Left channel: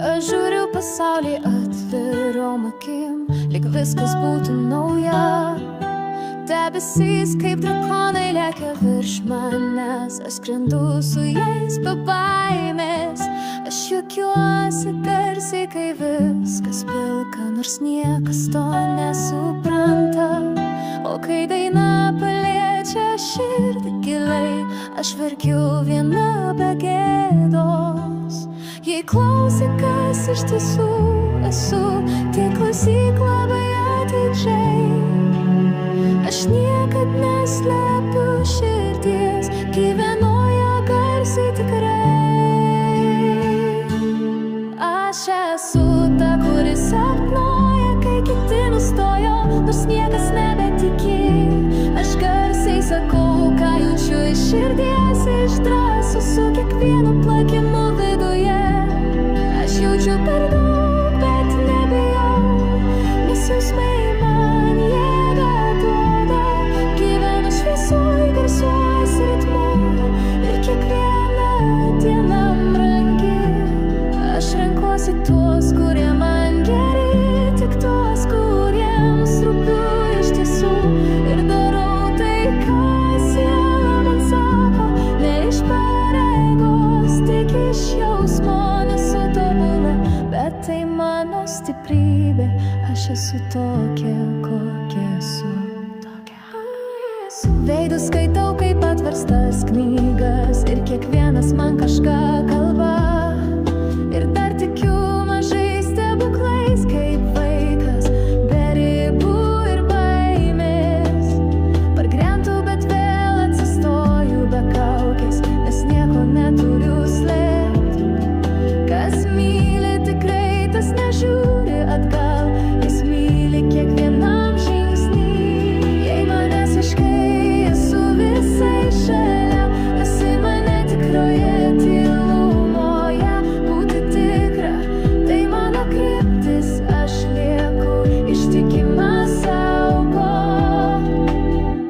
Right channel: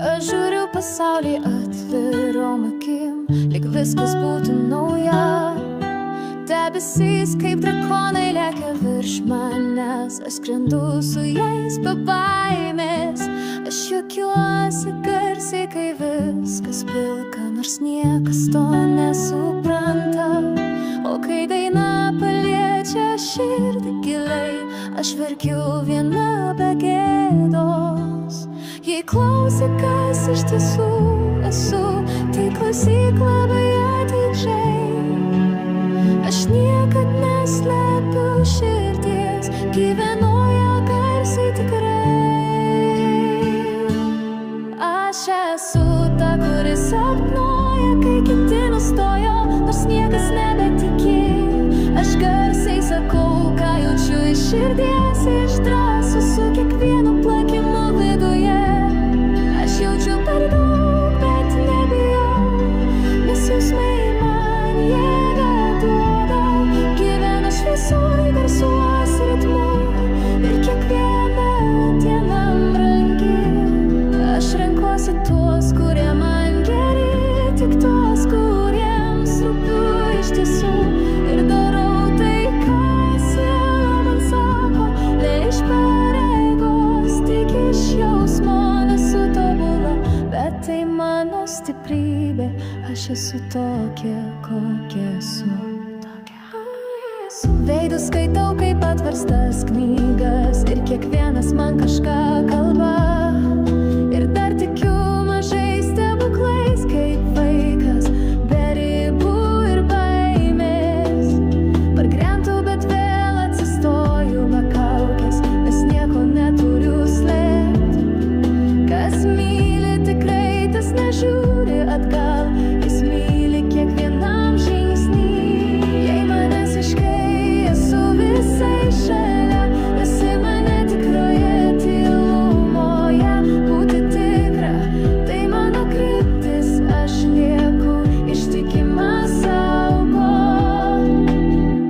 Aš žiūriu pasaulį atvirom akim, lyg viskas būtų nauja. Debesys kaip drakonai lekia virš manęs, aš skrendu su jais be baimės. Aš juokiuosi garsiai, kai viskas pilka, nors niekas to nesupranta. O kai daina paliečia širdį giliai, aš verkiu viena be gėdos. Jei klausi, kas iš tiesų esu, tai klausyk labai atidžiai. Aš niekad neslepiu širdies, gyvenu ją garsiai tikrai. Aš esu ta, kuri sapnuoja, kai kiti nustojo, nors niekas nebetiki. Aš garsiai sakau, ką jaučiu iš širdies, išdrąsiu su kiekvienu plakimu viduje. Aš jaučiu per daug, bet nebijau, nes jausmai man jėgą duoda. Gyvenu šviesoj, garsuos ritmu ir kiekviena diena brangi. Aš renkuosi tuos, kurie man geri, tik tuos, kuriems rūpiu iš tiesų. Ir darau tai, ką siela man sako, ne iš pareigos, tik iš jausmo. Nesu tobula, bet tai mano stiprybė. Aš esu tokia, kokia esu. Veidus skaitau kaip atverstas knygas, ir kiekvienas man kažką kalba. Ir dar tikiu mažais stebuklais, kaip vaikas, be ribų ir baimės. Pargrentu, bet vėl atsistoju be kaukės, nes nieko neturiu slėpti. Kas myli tikrai, tas nežiūri atgal, jis myli kiekvienam žingsnį. Jei manęs iškai esu visai šalia, esi mane tikroje tylumoje. Būti tikra, tai mano kryptis, aš lieku ištikima saugo.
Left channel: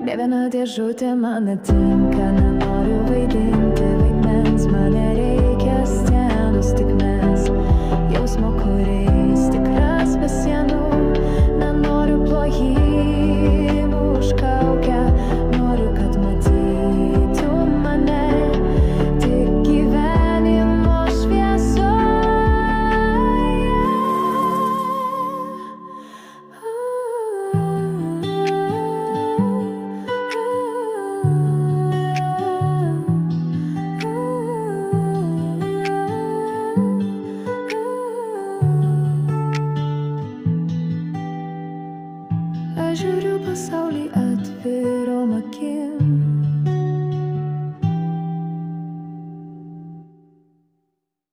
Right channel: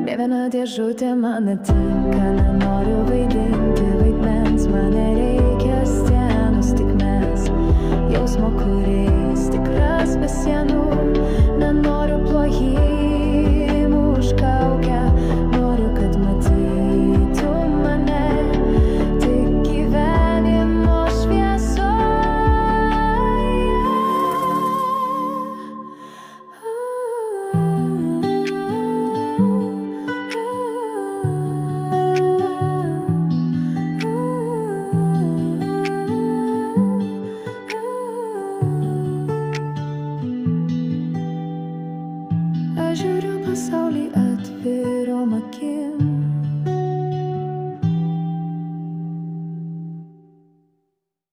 Ne viena dėžutė man netinka, nenoriu vaidinti vaidmens, man nereikia scenos, tik mes. Jausmo, kuriais tikras be sienų, nenoriu plojimų už kaukę. Noriu, kad matytų mane tik gyvenimo šviesoje. Aš žiūriu pasaulį atvirom akim,